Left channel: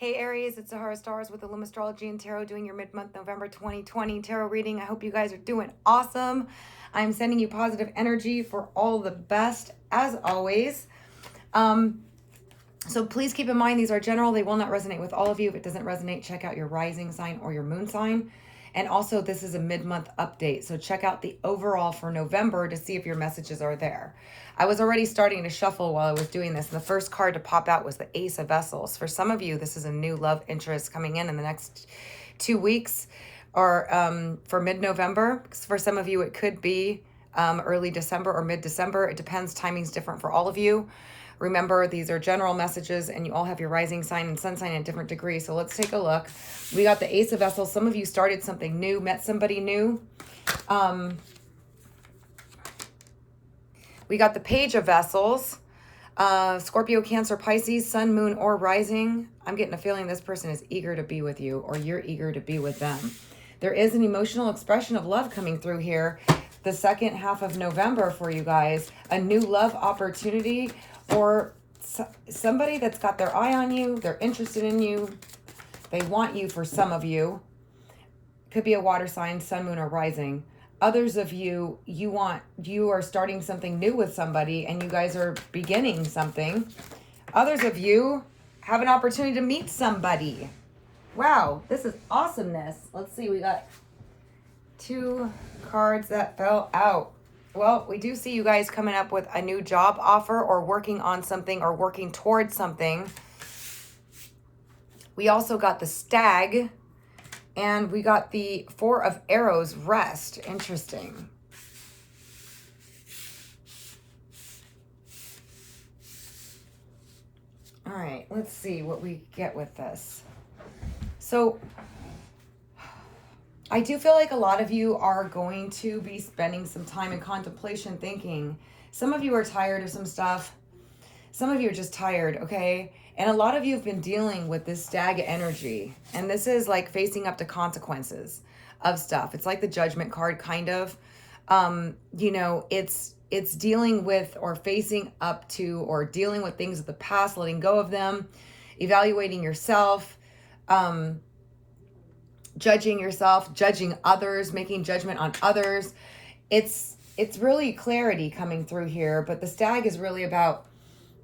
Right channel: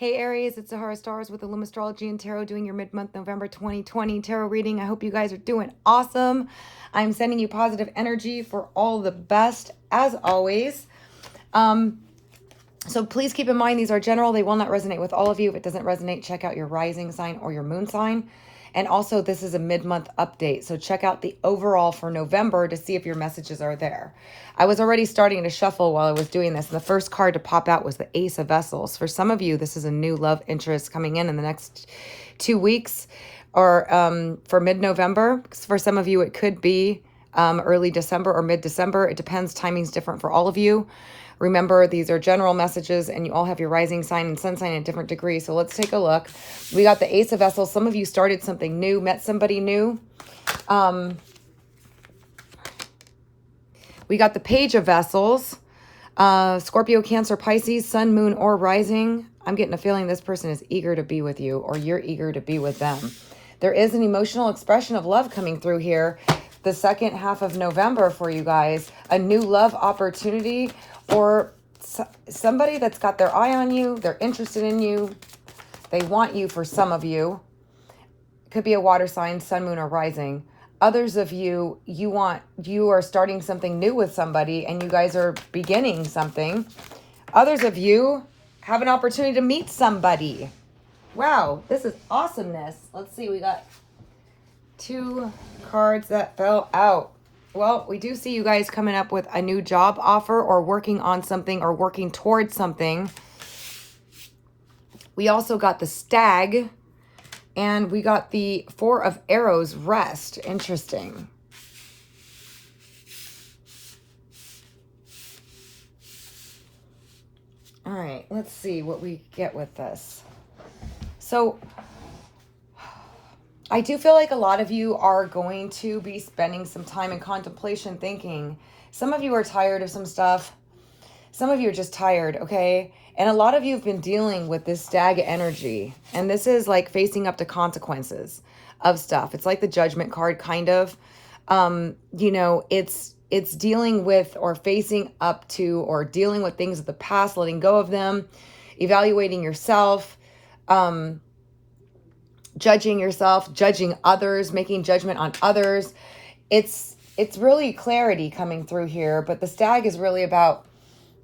Hey Aries, it's Sahara Stars with Illum Astrology and Tarot doing your mid-month November 2020 tarot reading. I hope you guys are doing awesome. I'm sending you positive energy for all the best as always. So please keep in mind these are general. They will not resonate with all of you. If it doesn't resonate, check out your rising sign or your moon sign. And also this is a mid-month update. So check out the overall for November to see if your messages are there. I was already starting to shuffle while I was doing this. And the first card to pop out was the Ace of Vessels. For some of you, this is a new love interest coming in the next 2 weeks or for mid-November. For some of you, it could be early December or mid-December. It depends. Timing's different for all of you. Remember, these are general messages and you all have your rising sign and sun sign in different degrees. So let's take a look. We got the Ace of Vessels. Some of you started something new, met somebody new. We got the Page of Vessels. Scorpio, Cancer, Pisces, Sun, Moon, or Rising. I'm getting a feeling this person is eager to be with you or you're eager to be with them. There is an emotional expression of love coming through here. The second half of November for you guys. A new love opportunity or somebody that's got their eye on you. They're interested in you. They want you for some of you. Could be a water sign, Sun, Moon, or Rising. Others of you, you are starting something new with somebody and you guys are beginning something. Others of you have an opportunity to meet somebody. Wow, this is awesomeness. Let's see, we got 2 cards that fell out. Well, we do see you guys coming up with a new job offer or working on something or working towards something. We also got the Stag and we got the 4 of Arrows, Rest. Interesting. All right, let's see what we get with this. So I do feel like a lot of you are going to be spending some time in contemplation thinking. Some of you are tired of some stuff. Some of you are just tired, okay? And a lot of you have been dealing with this Stag energy. And this is like facing up to consequences of stuff. It's like the Judgment card, kind of. You know, it's dealing with or facing up to or dealing with things of the past, letting go of them, evaluating yourself, judging yourself, judging others, making judgment on others. It's really clarity coming through here, but the Stag is really about,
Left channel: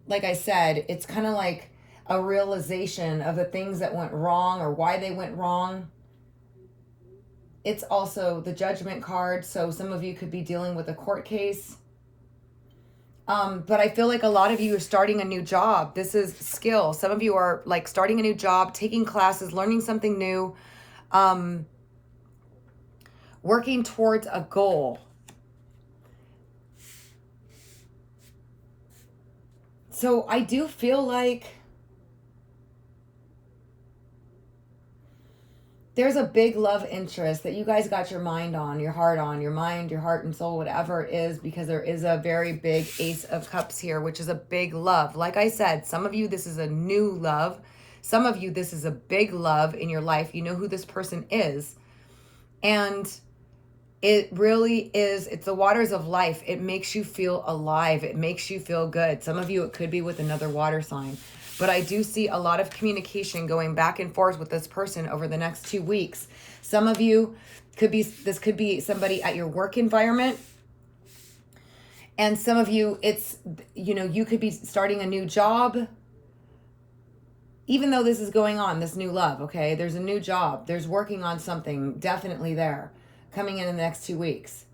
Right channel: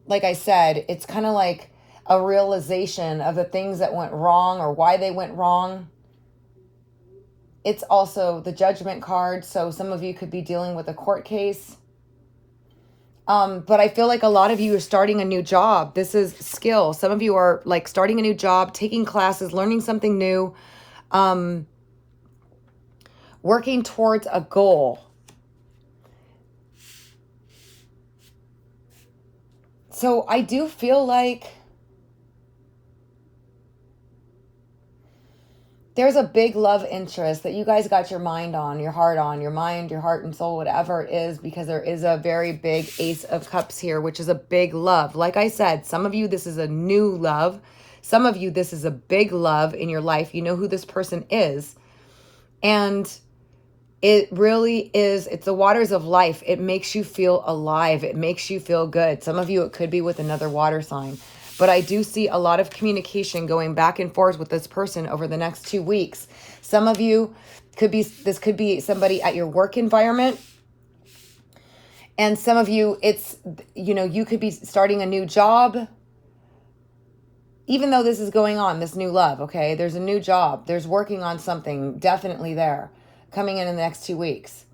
like I said, it's kind of like a realization of the things that went wrong or why they went wrong. It's also the Judgment card, so some of you could be dealing with a court case. But I feel like a lot of you are starting a new job. This is skill. Some of you are like starting a new job, taking classes, learning something new, working towards a goal. So I do feel like there's a big love interest that you guys got your mind on, your heart on, your mind, your heart and soul, whatever it is, because there is a very big Ace of Cups here, which is a big love. Like I said, some of you, this is a new love. Some of you, this is a big love in your life. You know who this person is. And it really is, it's the waters of life. It makes you feel alive. It makes you feel good. Some of you, it could be with another water sign. But I do see a lot of communication going back and forth with this person over the next 2 weeks. Some of you, this could be somebody at your work environment. And some of you, it's, you know, you could be starting a new job. Even though this is going on, this new love, okay? There's a new job. There's working on something definitely there coming in the next 2 weeks.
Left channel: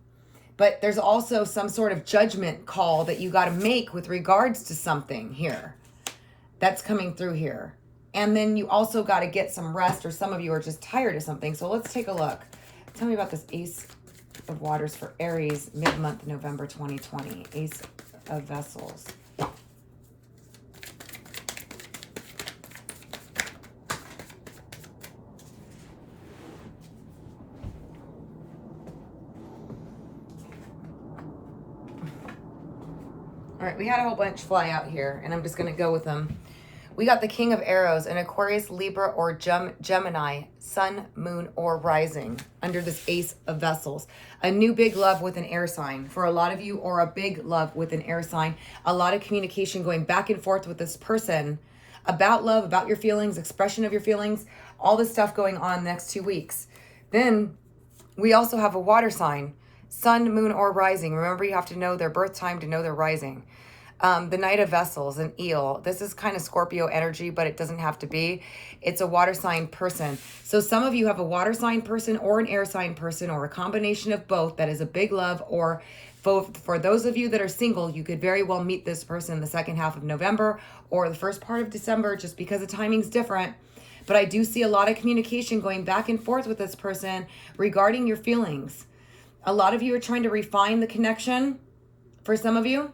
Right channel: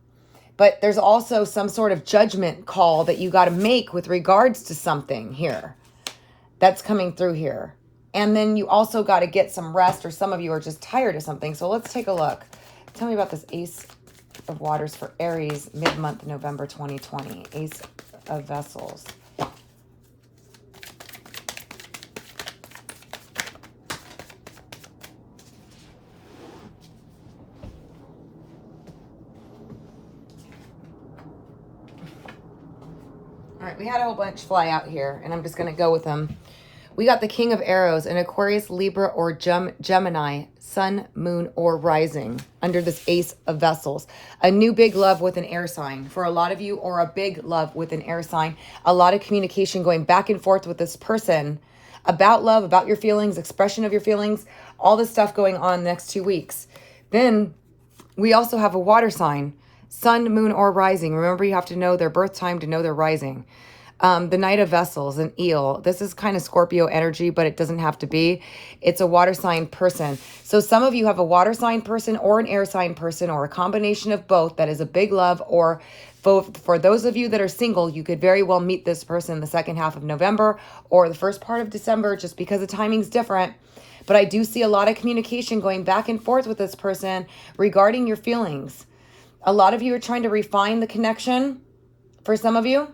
But there's also some sort of judgment call that you got to make with regards to something here that's coming through here. And then you also got to get some rest, or some of you are just tired of something. So let's take a look. Tell me about this Ace of Waters for Aries mid-month November 2020. Ace of Vessels. All right, we had a whole bunch fly out here, and I'm just going to go with them. We got the King of Arrows, an Aquarius, Libra, or Gemini, Sun, Moon, or Rising under this Ace of Vessels. A new big love with an air sign for a lot of you, or a big love with an air sign. A lot of communication going back and forth with this person about love, about your feelings, expression of your feelings, all this stuff going on the next 2 weeks. Then we also have a water sign, sun, moon, or rising. Remember, you have to know their birth time to know their rising. The Knight of Vessels, an eel. This is kind of Scorpio energy, but it doesn't have to be. It's a water sign person. So some of you have a water sign person or an air sign person or a combination of both that is a big love. Or for those of you that are single, you could very well meet this person the second half of November or the first part of December, just because the timing's different. But I do see a lot of communication going back and forth with this person regarding your feelings. A lot of you are trying to refine the connection for some of you.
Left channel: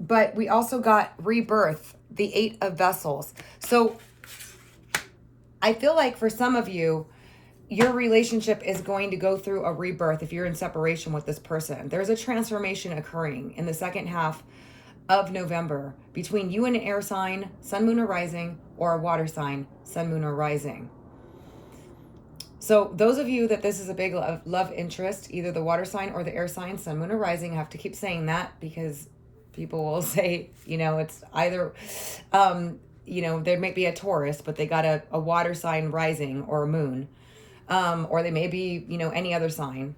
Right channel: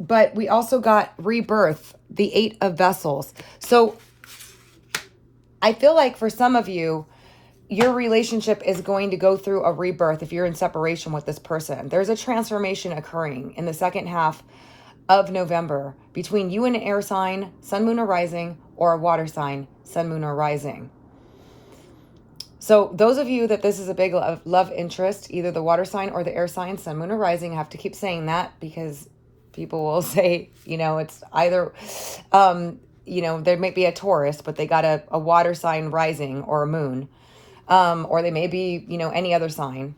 But we also got rebirth, the 8 of Vessels. So I feel like for some of you, your relationship is going to go through a rebirth if you're in separation with this person. There's a transformation occurring in the second half of November between you and an air sign, sun, moon, or rising, or a water sign, sun, moon, or rising. So those of you that this is a big love interest, either the water sign or the air sign, sun, moon, or rising, I have to keep saying that because people will say, you know, it's either, you know, there might be a Taurus, but they got a water sign rising or a moon, or they may be, you know, any other sign.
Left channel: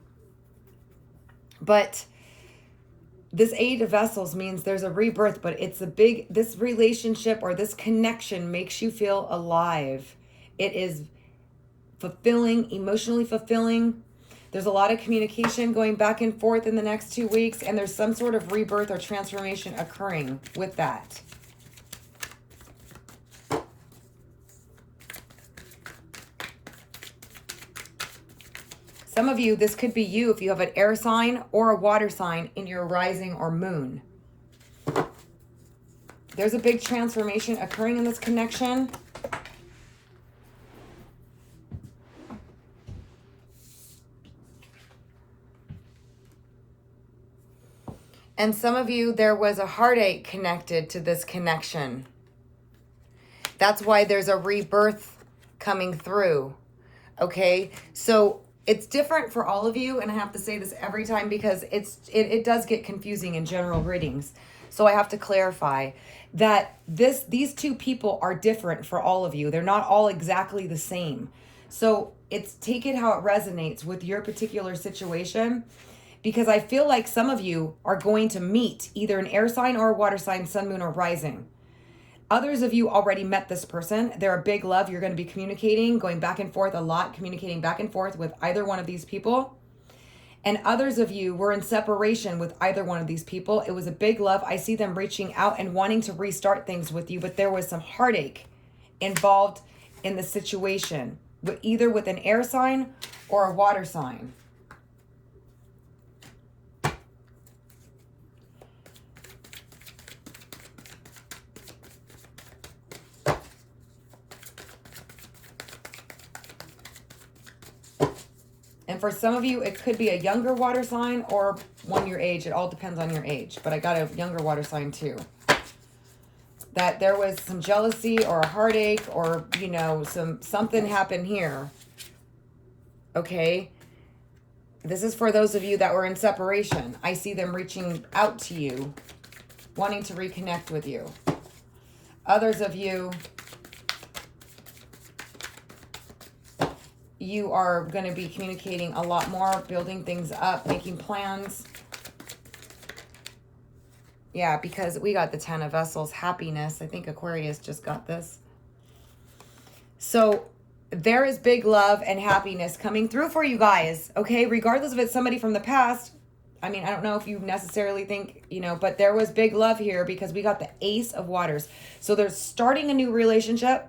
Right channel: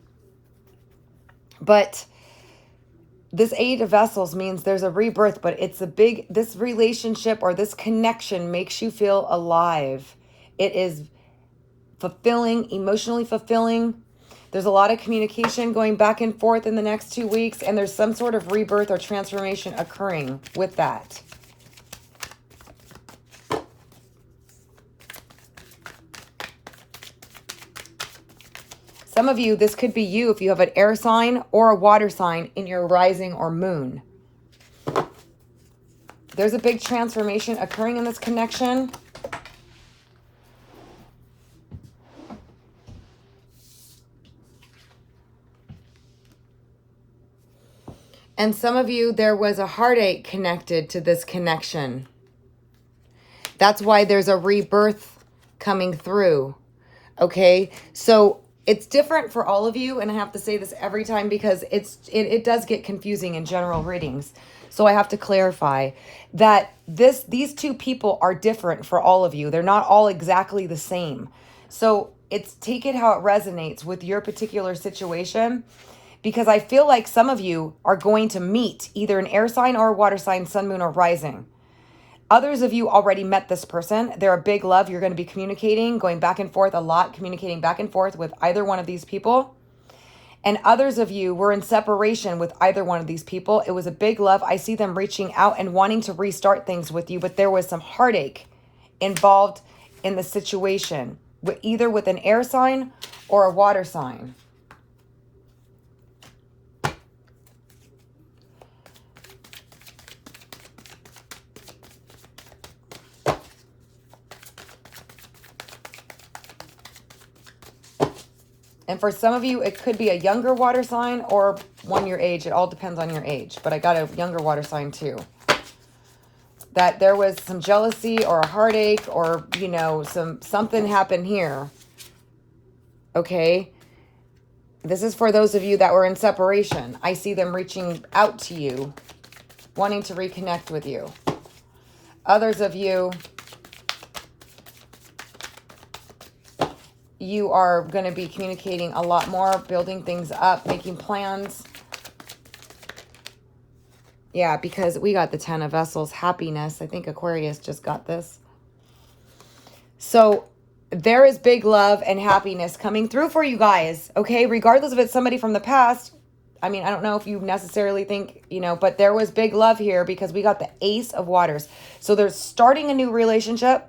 But this 8 of Vessels means there's a rebirth, but it's a big, this relationship or this connection makes you feel alive. It is fulfilling, emotionally fulfilling. There's a lot of communication going back and forth in the next 2 weeks, and there's some sort of rebirth or transformation occurring with that. Some of you, this could be you if you have an air sign or a water sign in your rising or moon. There's a big transformation occurring in this connection. And some of you, there was a heartache connected to this connection. That's why there's a rebirth coming through. Okay, so it's different for all of you, and I have to say this every time because it does get confusing in general readings. So I have to clarify that these two people are different for all of you. They're not all exactly the same. So take it how it resonates with your particular situation, because I feel like some of you are going to meet either an air sign or a water sign, sun, moon, or rising. Others of you already met this person. They're a big love. You're going to be communicating, going back and forth a lot, communicating back and forth with either one of these people. And others of you were in separation with either one of these people. It was a big love. I see them reaching out and wanting to restart things with you, but there was some heartache involved in the situation, either with an air sign or a water sign. And for some of you, it could be a younger water sign or one your age. It all depends on your age. But I got a younger water sign too. That there was some jealousy or a heartache or, you know, something happened here. Okay. This is for those of you that were in separation. I see them reaching out to you, wanting to reconnect with you. Others of you, you are going to be communicating a lot more, building things up, making plans. Yeah, because we got the 10 of Vessels, happiness. I think Aquarius just got this. So there is big love and happiness coming through for you guys, okay? Regardless if it's somebody from the past. I mean, I don't know if you necessarily think, you know, but there was big love here because we got the Ace of Waters. So there's starting a new relationship.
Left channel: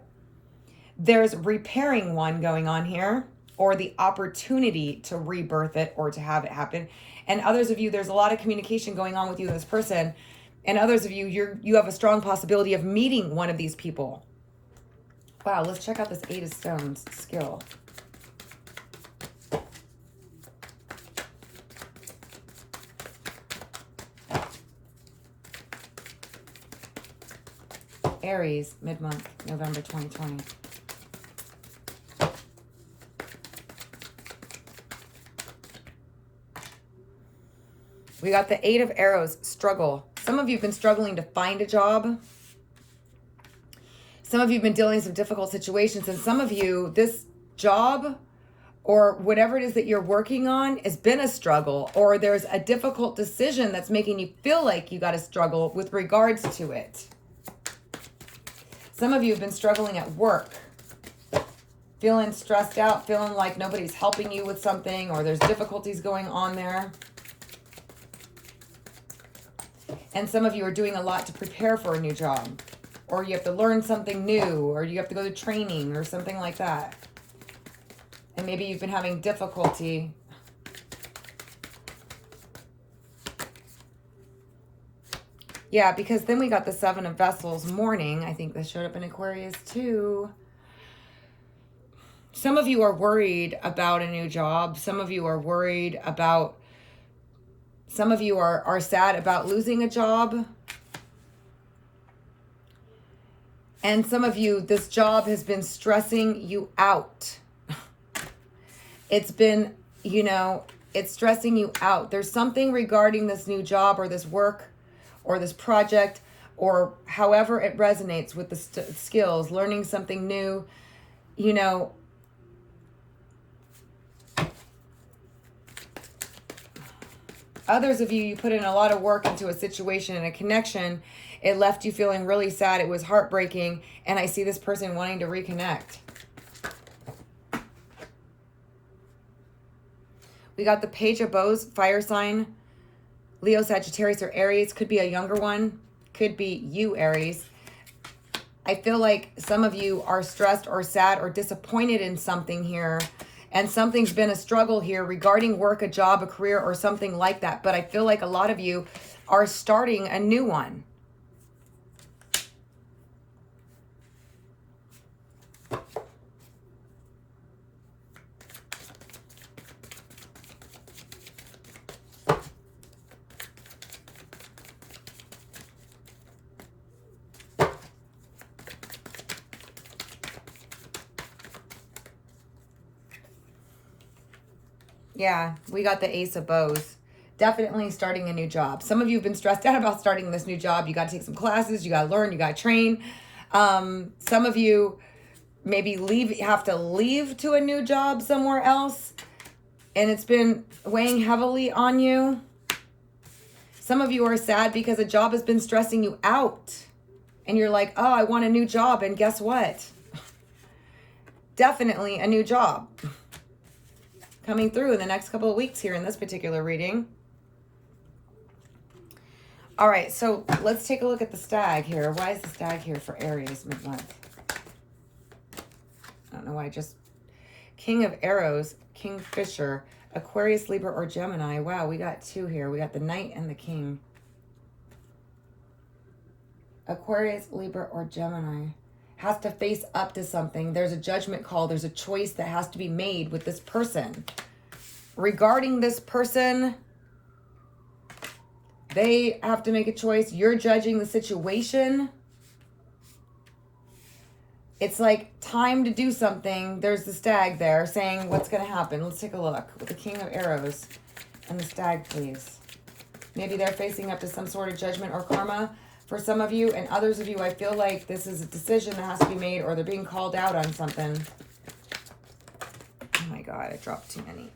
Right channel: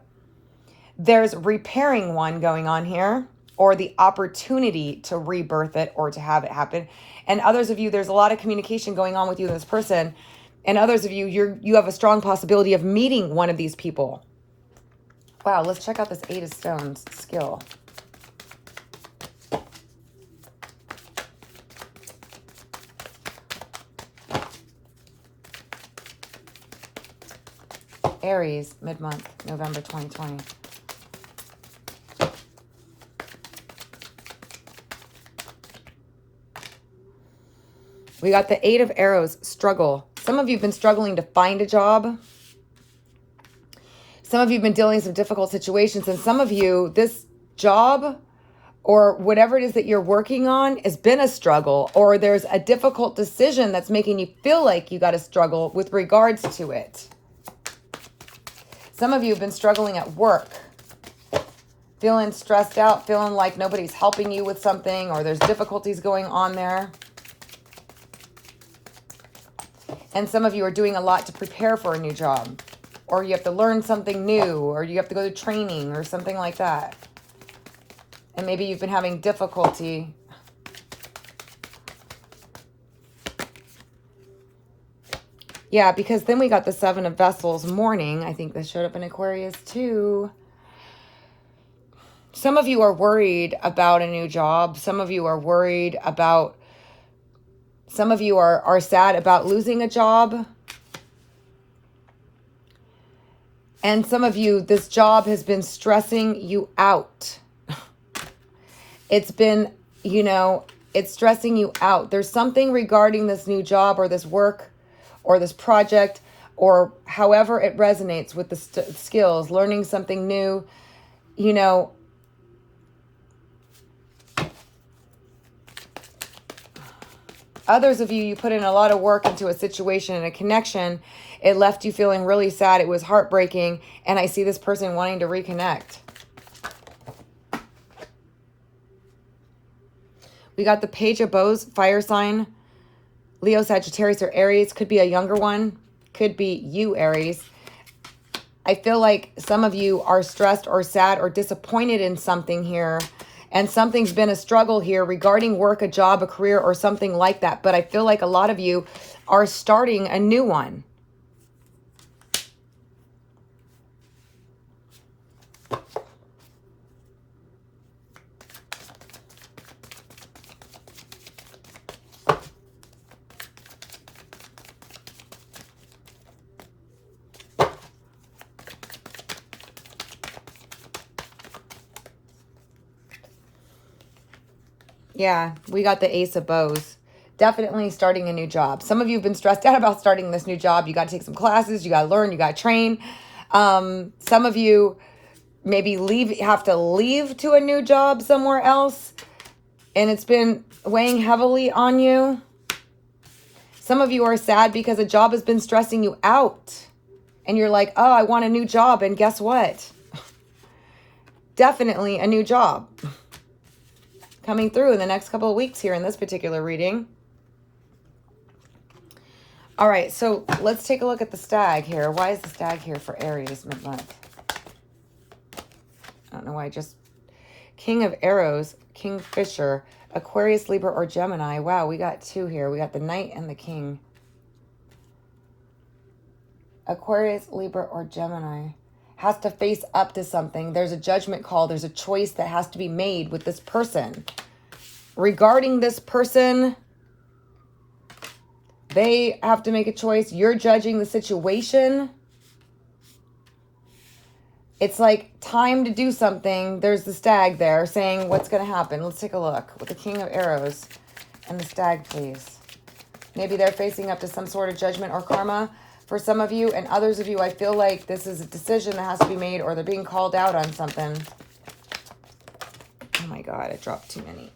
There's repairing one going on here, or the opportunity to rebirth it or to have it happen. And others of you, there's a lot of communication going on with you and this person. And others of you, you have a strong possibility of meeting one of these people. Wow, let's check out this 8 of Stones skill. Aries, mid-month, November 2020. We got the 8 of Arrows, struggle, Some of you have been struggling to find a job. Some of you have been dealing with some difficult situations. And some of you, this job or whatever it is that you're working on has been a struggle, or there's a difficult decision that's making you feel like you got to struggle with regards to it. Some of you have been struggling at work, feeling stressed out, feeling like nobody's helping you with something, or there's difficulties going on there. And some of you are doing a lot to prepare for a new job, or you have to learn something new, or you have to go to training or something like that. And maybe you've been having difficulty yeah, because then we got the Seven of Vessels mourning. I think this showed up in Aquarius too. Some of you are worried about a new job. Some of you are worried about, some of you are sad about losing a job. And some of you, this job has been stressing you out. It's been, you know, it's stressing you out. There's something regarding this new job or this work or this project or however it resonates with the skills, learning something new, you know. Others of you, you put in a lot of work into a situation and a connection. It left you feeling really sad. It was heartbreaking. And I see this person wanting to reconnect. We got the Page of Bows, fire sign, Leo, Sagittarius, or Aries. Could be a younger one. Could be you, Aries. I feel like some of you are stressed or sad or disappointed in something here. And something's been a struggle here regarding work, a job, a career, or something like that. But I feel like a lot of you are starting a new one. Yeah, we got the Ace of Bows. Definitely starting a new job. Some of you have been stressed out about starting this new job. You got to take some classes. You got to learn. You got to train. Some of you maybe have to leave to a new job somewhere else. And it's been weighing heavily on you. Some of you are sad because a job has been stressing you out. And you're like, oh, I want a new job. And guess what? Definitely a new job coming through in the next couple of weeks here in this particular reading. All right, so let's take a look at the stag here. Why is the stag here for Aries mid-month? I don't know why. Just King of Arrows, Kingfisher, Aquarius, Libra, or Gemini. Wow, we got two here. We got the Knight and the King. Aquarius, Libra, or Gemini has to face up to something. There's a judgment call. There's a choice that has to be made with this person. Regarding this person, they have to make a choice. You're judging the situation. It's like time to do something. There's the stag there saying what's going to happen. Let's take a look with the King of Arrows and the stag, please. Maybe they're facing up to some sort of judgment or karma for some of you, and others of you, I feel like this is a decision that has to be made, or they're being called out on something. Oh my God, I dropped too many.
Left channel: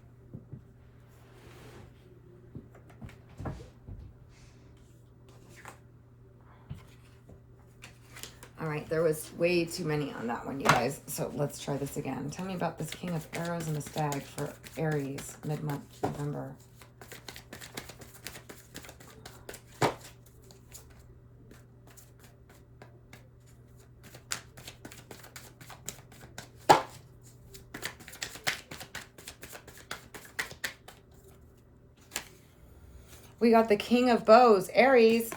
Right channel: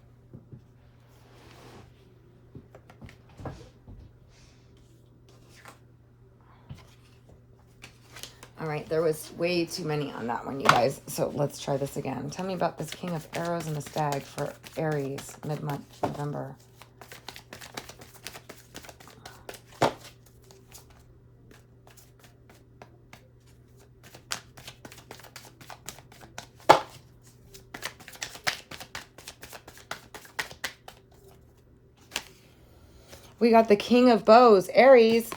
All right, there was way too many on that one, you guys. So let's try this again. Tell me about this King of Arrows and the stag for Aries, mid-month, November. We got the King of Bows, Aries.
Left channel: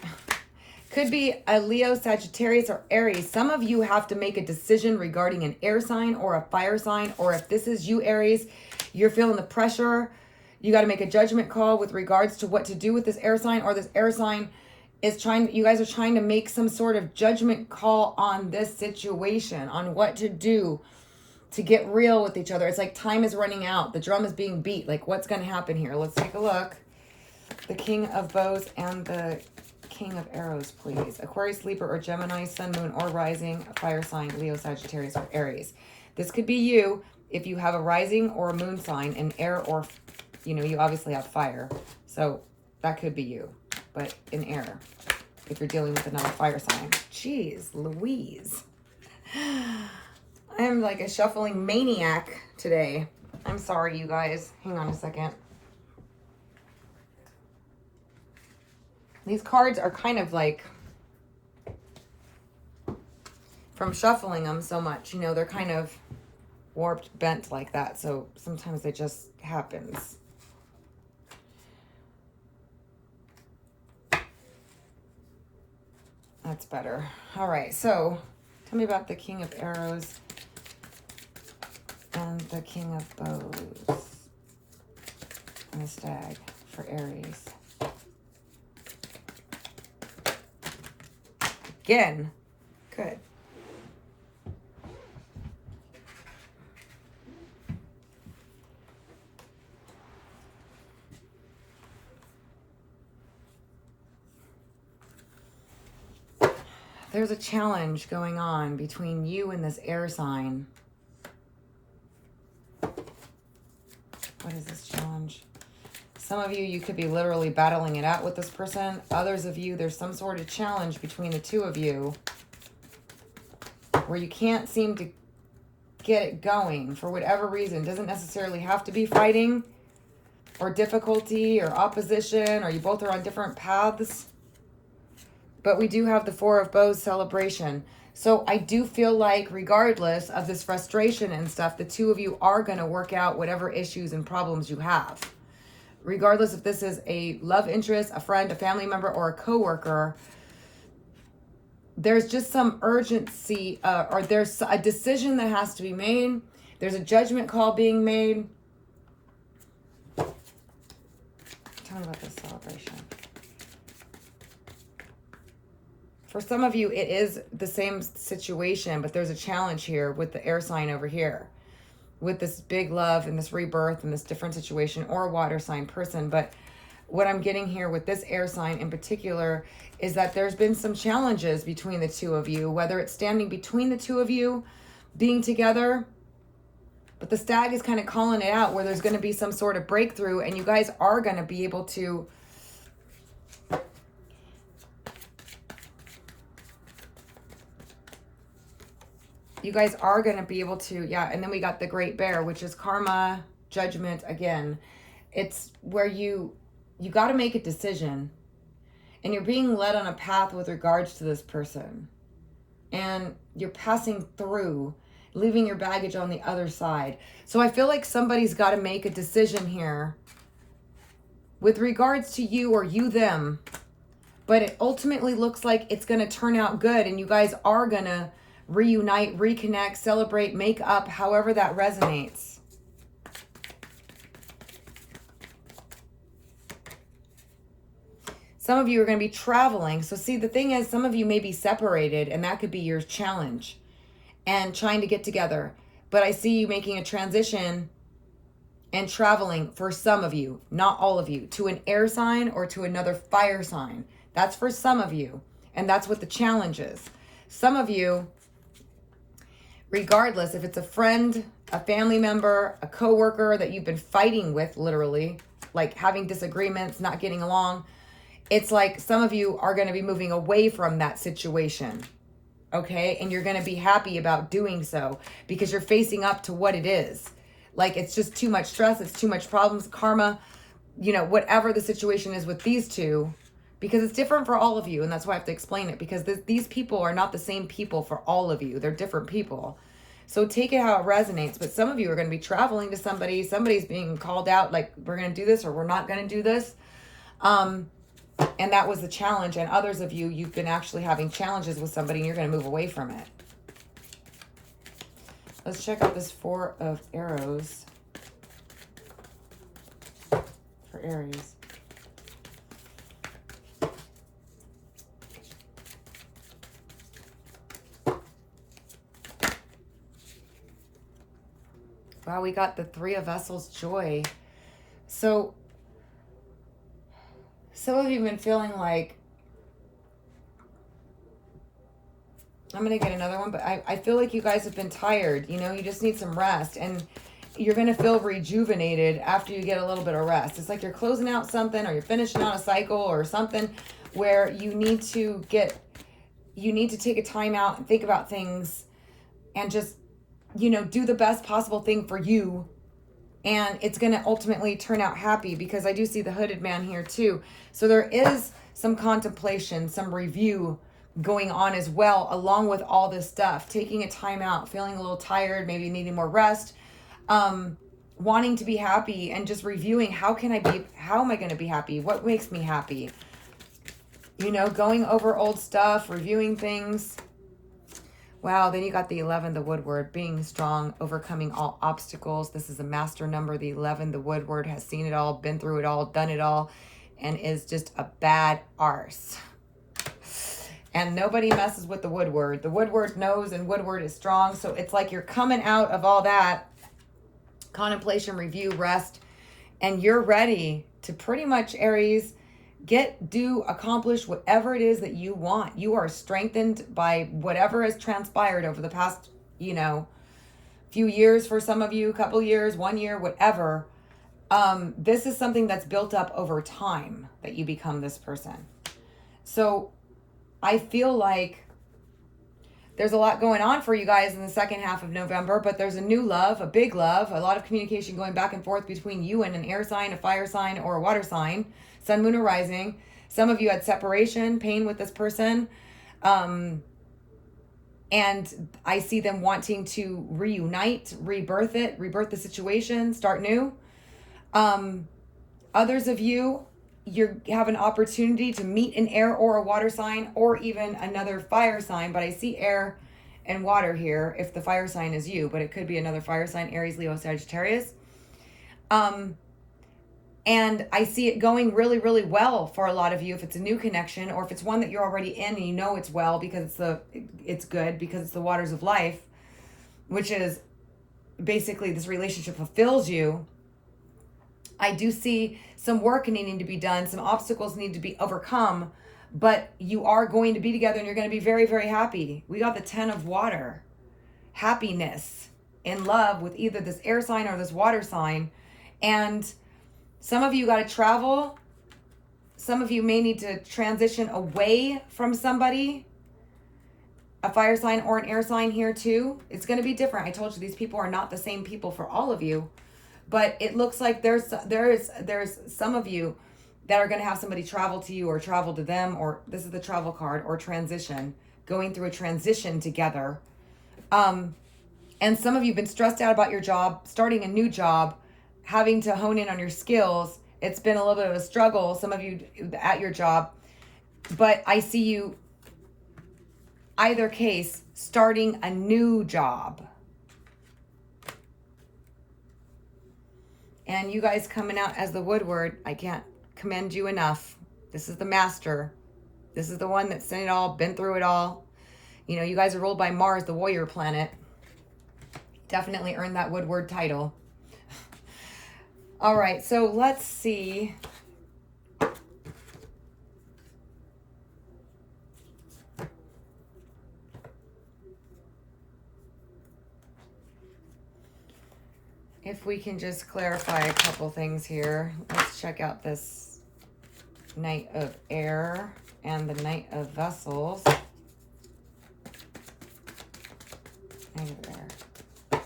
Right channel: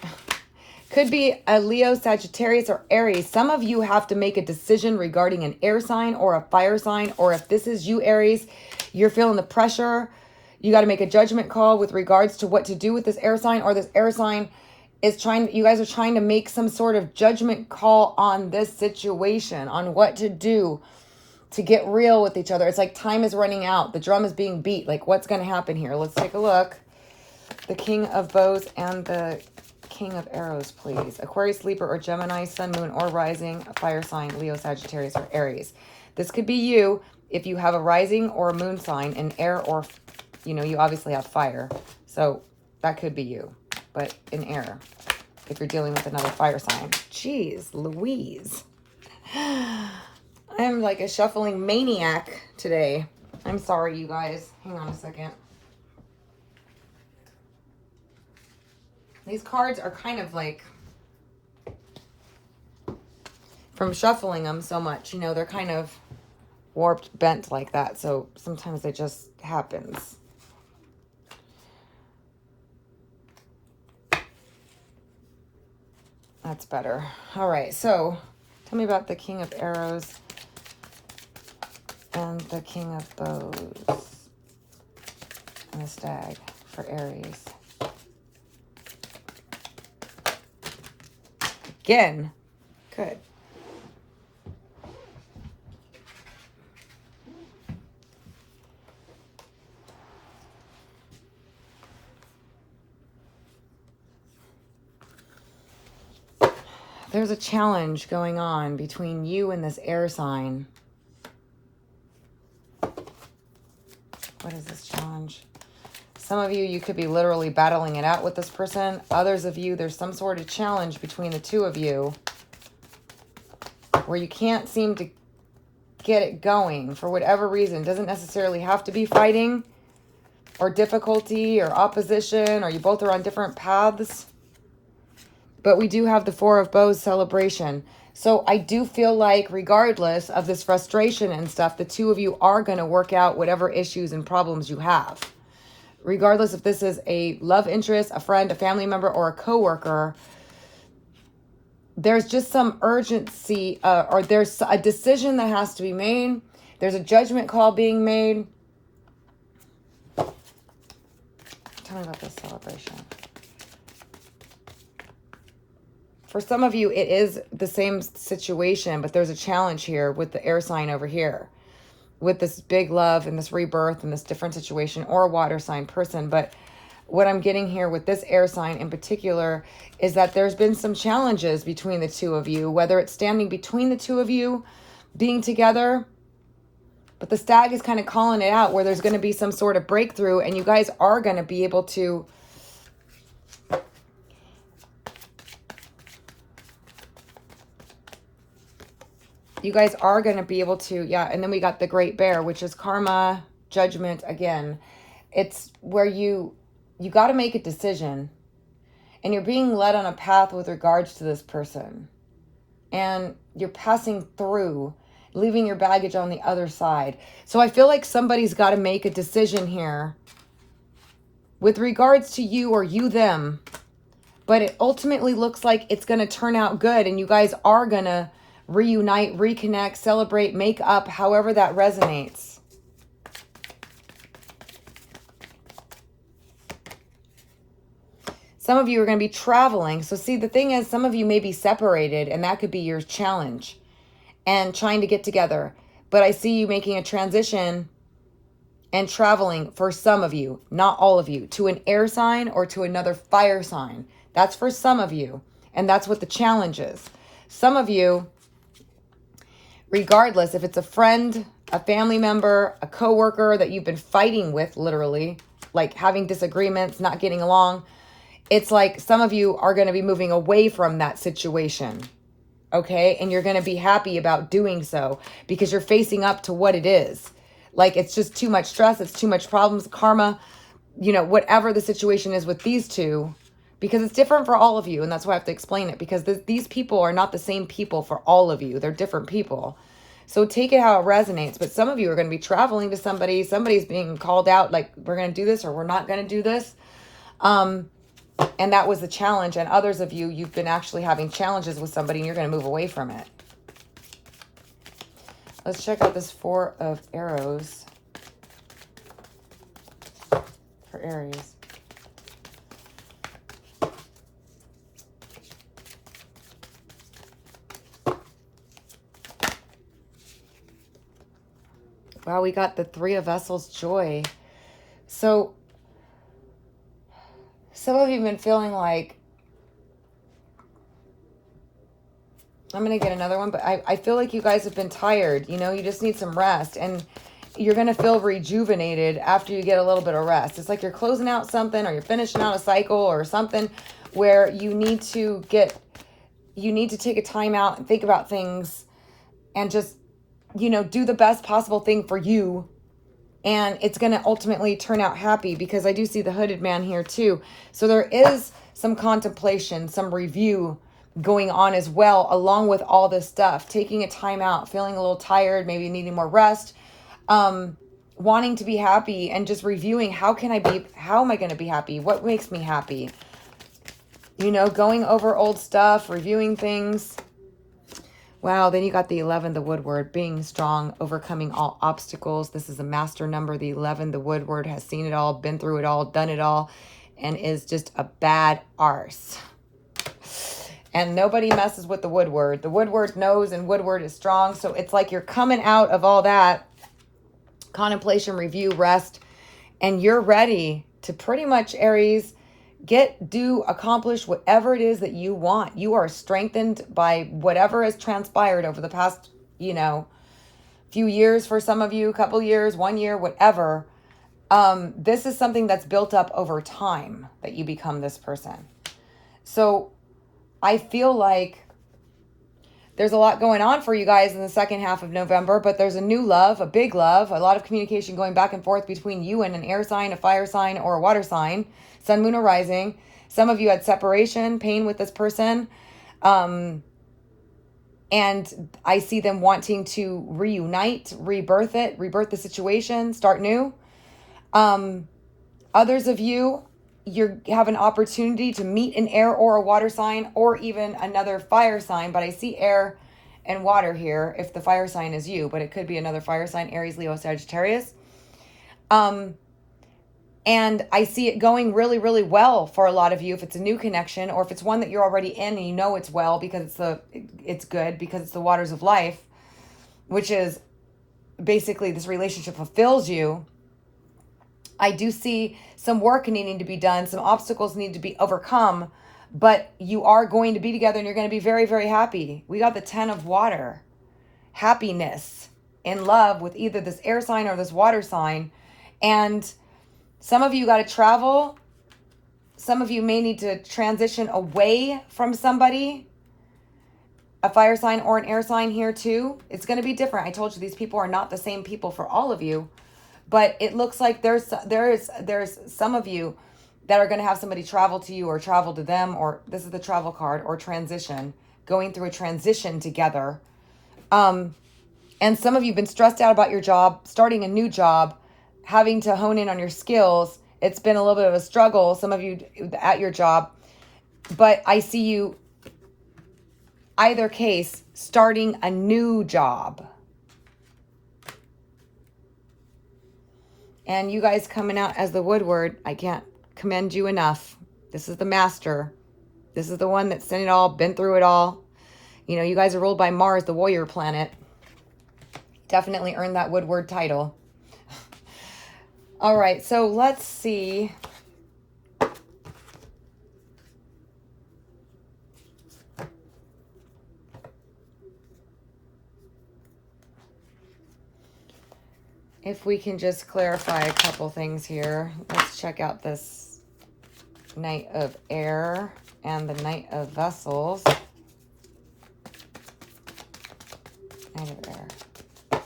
Could be a Leo, Sagittarius, or Aries. Some of you have to make a decision regarding an air sign or a fire sign, or if this is you, Aries, you're feeling the pressure. You got to make a judgment call with regards to what to do with this air sign, or this air sign is you guys are trying to make some sort of judgment call on this situation, on what to do to get real with each other. It's like time is running out. The drum is being beat. Like, what's going to happen here? Let's take a look. The King of Bows and the King of Arrows, please. Aquarius, Libra, or Gemini, Sun, Moon, or Rising, a fire sign, Leo, Sagittarius, or Aries. This could be you if you have a rising or a moon sign in air, or, you know, you obviously have fire. So that could be you, but in air, if you're dealing with another fire sign. Jeez, Louise. I am like a shuffling maniac today. I'm sorry, you guys. Hang on a second. These cards are kind of like, from shuffling them so much, you know, they're kind of warped, bent like that. So sometimes it just happens. That's better. All right, so tell me about the King of Arrows and the King of Bows and the Stag for Aries. Again, good. There's a challenge going on between you and this air sign. What is this challenge? Some of you could be literally battling it out with this person. Others of you, there's some sort of challenge between the two of you where you can't seem to get it going for whatever reason. It doesn't necessarily have to be fighting or difficulty or opposition, or you both are on different paths. But we do have the Four of Bows celebration. So I do feel like regardless of this frustration and stuff, the two of you are going to work out whatever issues and problems you have. Regardless if this is a love interest, a friend, a family member, or a coworker, there's just some urgency, or there's a decision that has to be made. There's a judgment call being made. Tell me about this celebration. For some of you, it is the same situation, but there's a challenge here with the air sign over here, with this big love and this rebirth and this different situation, or a water sign person. But what I'm getting here with this air sign in particular is that there's been some challenges between the two of you, whether it's standing between the two of you being together. But the Stag is kind of calling it out, where there's going to be some sort of breakthrough, and you guys are going to be able to yeah. And then we got the Great Bear, which is karma, judgment. Again, it's where you got to make a decision, and you're being led on a path with regards to this person, and you're passing through, leaving your baggage on the other side. So I feel like somebody's got to make a decision here with regards to you, or you them, but it ultimately looks like it's going to turn out good, and you guys are going to reunite, reconnect, celebrate, make up, however that resonates. Some of you are going to be traveling. So see, the thing is, some of you may be separated, and that could be your challenge and trying to get together. But I see you making a transition and traveling for some of you, not all of you, to an air sign or to another fire sign. That's for some of you. And that's what the challenge is. Some of you, regardless if it's a friend, a family member, a coworker that you've been fighting with, literally, like having disagreements, not getting along, it's like some of you are going to be moving away from that situation, okay? And you're going to be happy about doing so because you're facing up to what it is. Like, it's just too much stress, it's too much problems, karma, you know, whatever the situation is with these two, because it's different for all of you. And that's why I have to explain it, because these people are not the same people for all of you. They're different people. So take it how it resonates. But some of you are going to be traveling to somebody. Somebody's being called out, like, we're going to do this or we're not going to do this. And that was the challenge. And others of you, you've been actually having challenges with somebody and you're going to move away from it. Let's check out this Four of Arrows for Aries. Wow, we got the Three of Vessels, joy. So some of you have been feeling like I'm going to get another one, but I feel like you guys have been tired. You know, you just need some rest. And you're going to feel rejuvenated after you get a little bit of rest. It's like you're closing out something, or you're finishing out a cycle or something where you need to take a time out and think about things and just, you know, do the best possible thing for you. And it's going to ultimately turn out happy, because I do see the hooded man here too. So there is some contemplation, some review going on as well, along with all this stuff. Taking a time out, feeling a little tired, maybe needing more rest, wanting to be happy, and just reviewing how am I going to be happy? What makes me happy? You know, going over old stuff, reviewing things. Wow, then you got the 11, the Woodward, being strong, overcoming all obstacles. This is a master number. The 11, the Woodward, has seen it all, been through it all, done it all, and is just a bad arse. And nobody messes with the Woodward. The Woodward knows, and Woodward is strong. So it's like you're coming out of all that contemplation, review, rest, and you're ready to pretty much, Aries, accomplish whatever it is that you want. You are strengthened by whatever has transpired over the past, you know, few years for some of you, couple years, 1 year, whatever. This is something that's built up over time that you become this person. So I feel like there's a lot going on for you guys in the second half of November, but there's a new love, a big love, a lot of communication going back and forth between you and an air sign, a fire sign, or a water sign, sun, moon, or rising. Some of you had separation, pain with this person. And I see them wanting to reunite, rebirth the situation, start new. Others of you, you have an opportunity to meet an air or a water sign, or even another fire sign, but I see air and water here if the fire sign is you, but it could be another fire sign, Aries, Leo, Sagittarius. And I see it going really, really well for a lot of you if it's a new connection, or if it's one that you're already in and you know it's well because it's good because it's the waters of life, which is basically this relationship fulfills you. I do see some work needing to be done. Some obstacles need to be overcome, but you are going to be together and you're going to be very, very happy. We got the 10 of water, happiness, in love with either this air sign or this water sign. And some of you got to travel. Some of you may need to transition away from somebody, a fire sign or an air sign here too. It's going to be different. I told you these people are not the same people for all of you. But it looks like there's some of you that are going to have somebody travel to you or travel to them, or this is the travel card, or transition, going through a transition together. And some of you have been stressed out about your job, starting a new job, having to hone in on your skills. It's been a little bit of a struggle, some of you at your job. But I see you, either case, starting a new job. And you guys coming out as the Woodward, I can't commend you enough. This is the master. This is the one that's seen it all, been through it all. You know, you guys are ruled by Mars, the warrior planet. Definitely earned that Woodward title. All right, so let's see. If we can just clarify a couple things here. Let's check out this Knight of Air and the Knight of Vessels. Knight of Air.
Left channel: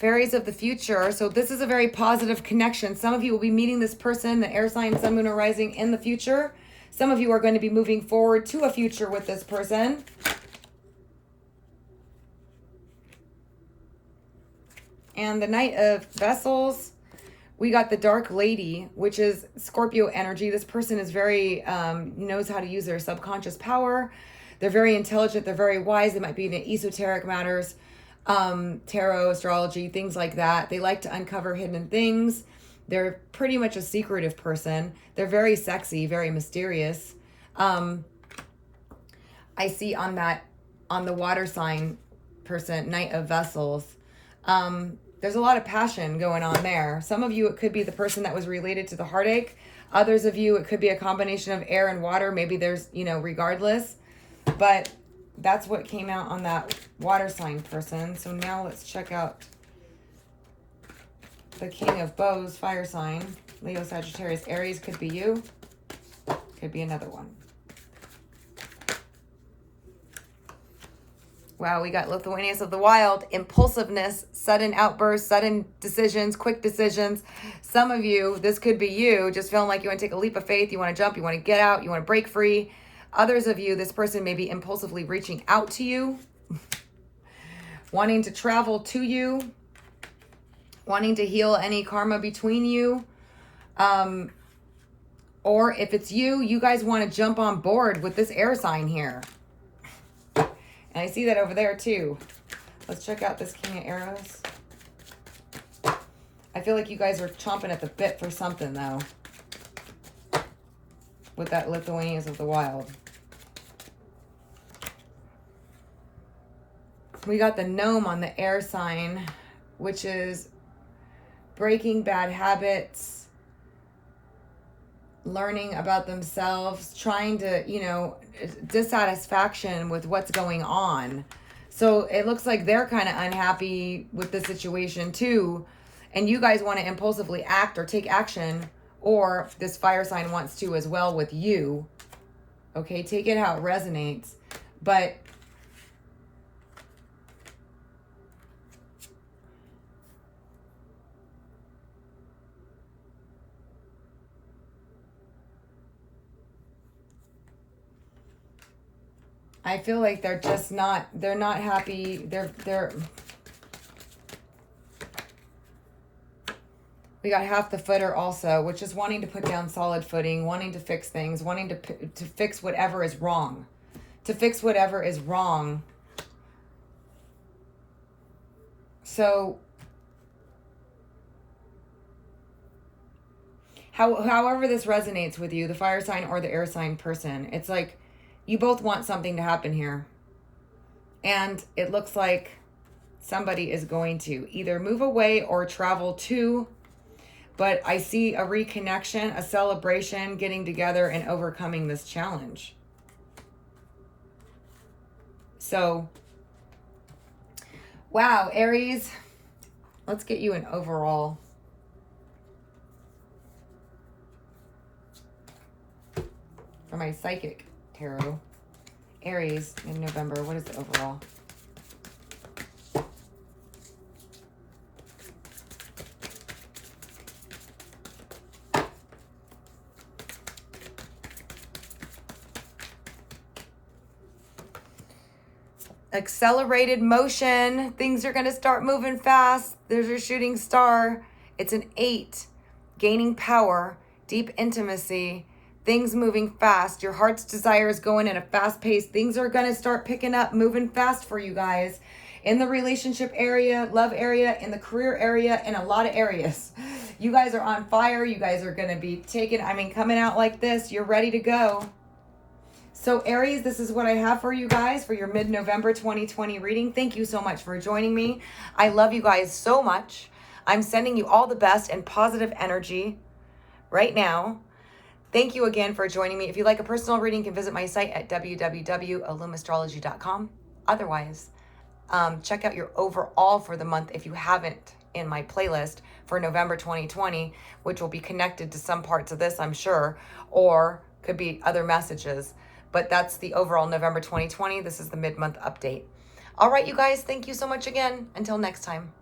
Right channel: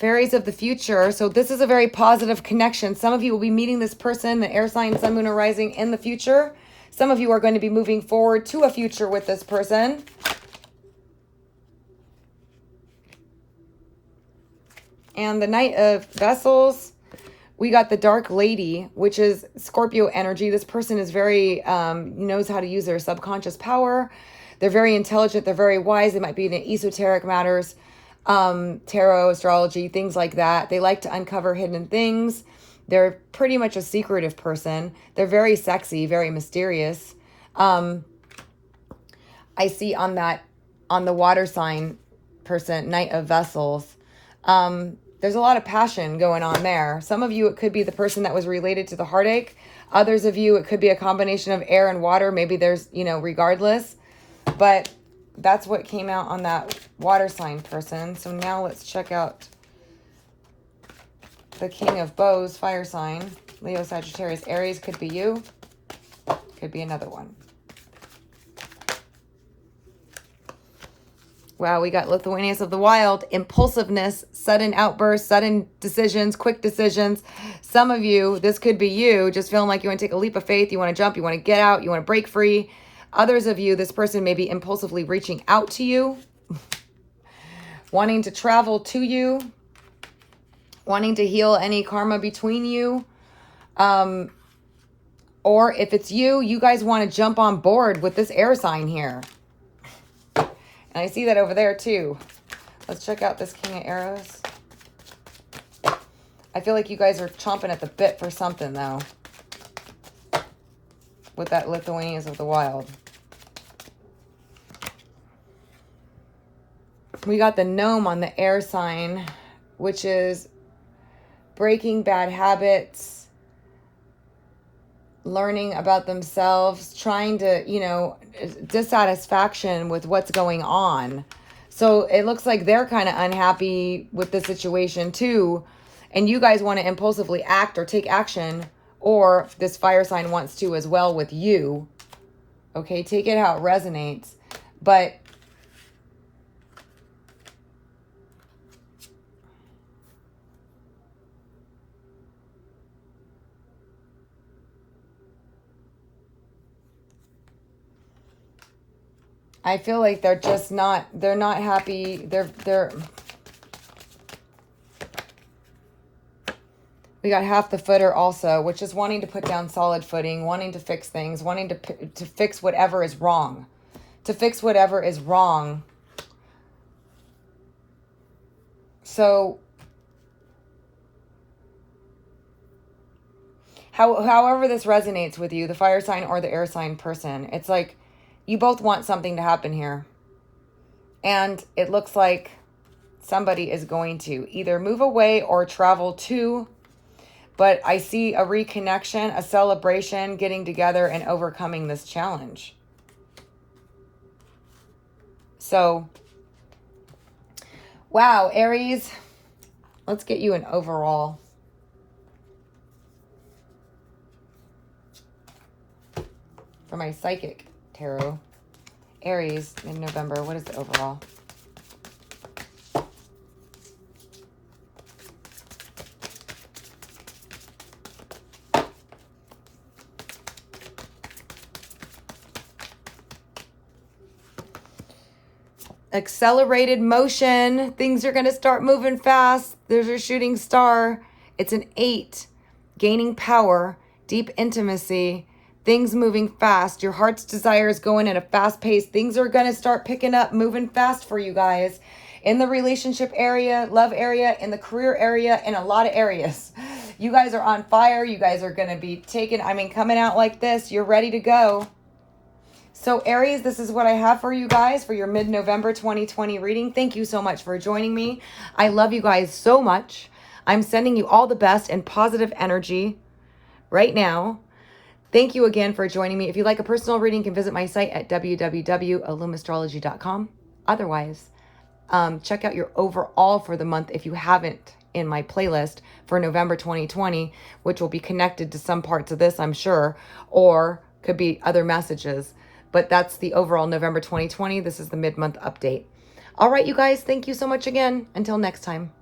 Fairies of the future. So this is a very positive connection. Some of you will be meeting this person, the air sign, sun, moon, or rising, in the future. Some of you are going to be moving forward to a future with this person. And the Knight of Vessels, we got the Dark Lady, which is Scorpio energy. This person is very, knows how to use their subconscious power. They're very intelligent. They're very wise. They might be in esoteric matters, tarot, astrology, things like that. They like to uncover hidden things. They're pretty much a secretive person. They're very sexy, very mysterious. I see on the water sign person, Knight of Vessels, there's a lot of passion going on there. Some of you, it could be the person that was related to the heartache. Others of you, it could be a combination of air and water. Maybe there's, you know, regardless. But that's what came out on that water sign person. So now let's check out the King of Bows, fire sign. Leo, Sagittarius, Aries could be you. Could be another one. Wow, we got Lithuanians of the Wild, impulsiveness, sudden outbursts, sudden decisions, quick decisions. Some of you, this could be you, just feeling like you want to take a leap of faith, you want to jump, you want to get out, you want to break free. Others of you, this person may be impulsively reaching out to you, wanting to travel to you, wanting to heal any karma between you. Or if it's you, you guys want to jump on board with this air sign here. And I see that over there too. Let's check out this King of Arrows. I feel like you guys are chomping at the bit for something though. With that Lithuanians of the Wild. We got the gnome on the air sign, which is breaking bad habits, learning about themselves, trying to, you know, dissatisfaction with what's going on. So it looks like they're kind of unhappy with the situation too. And you guys want to impulsively act or take action, or this fire sign wants to as well with you. Okay, take it how it resonates. But I feel like they're just not, they're not happy. We got half the footer also, which is wanting to put down solid footing, wanting to fix things, wanting to fix whatever is wrong. To fix whatever is wrong. So, however this resonates with you, the fire sign or the air sign person, it's like, you both want something to happen here. And it looks like somebody is going to either move away or travel to. But I see a reconnection, a celebration, getting together and overcoming this challenge. So, wow, Aries, let's get you an overall. For my psychic tarot. Aries in November. What is the overall? Accelerated motion. Things are going to start moving fast. There's your shooting star. It's an 8. Gaining power. Deep intimacy. Things moving fast. Your heart's desire is going at a fast pace. Things are going to start picking up, moving fast for you guys. In the relationship area, love area, in the career area, in a lot of areas. You guys are on fire. You guys are going to be coming out like this. You're ready to go. So Aries, this is what I have for you guys for your mid-November 2020 reading. Thank you so much for joining me. I love you guys so much. I'm sending you all the best and positive energy right now. Thank you again for joining me. If you'd like a personal reading, you can visit my site at www.illumastrology.com. Otherwise, check out your overall for the month if you haven't in my playlist for November 2020, which will be connected to some parts of this, I'm sure, or could be other messages. But that's the overall November 2020. This is the mid-month update. All right, you guys, thank you so much again. Until next time.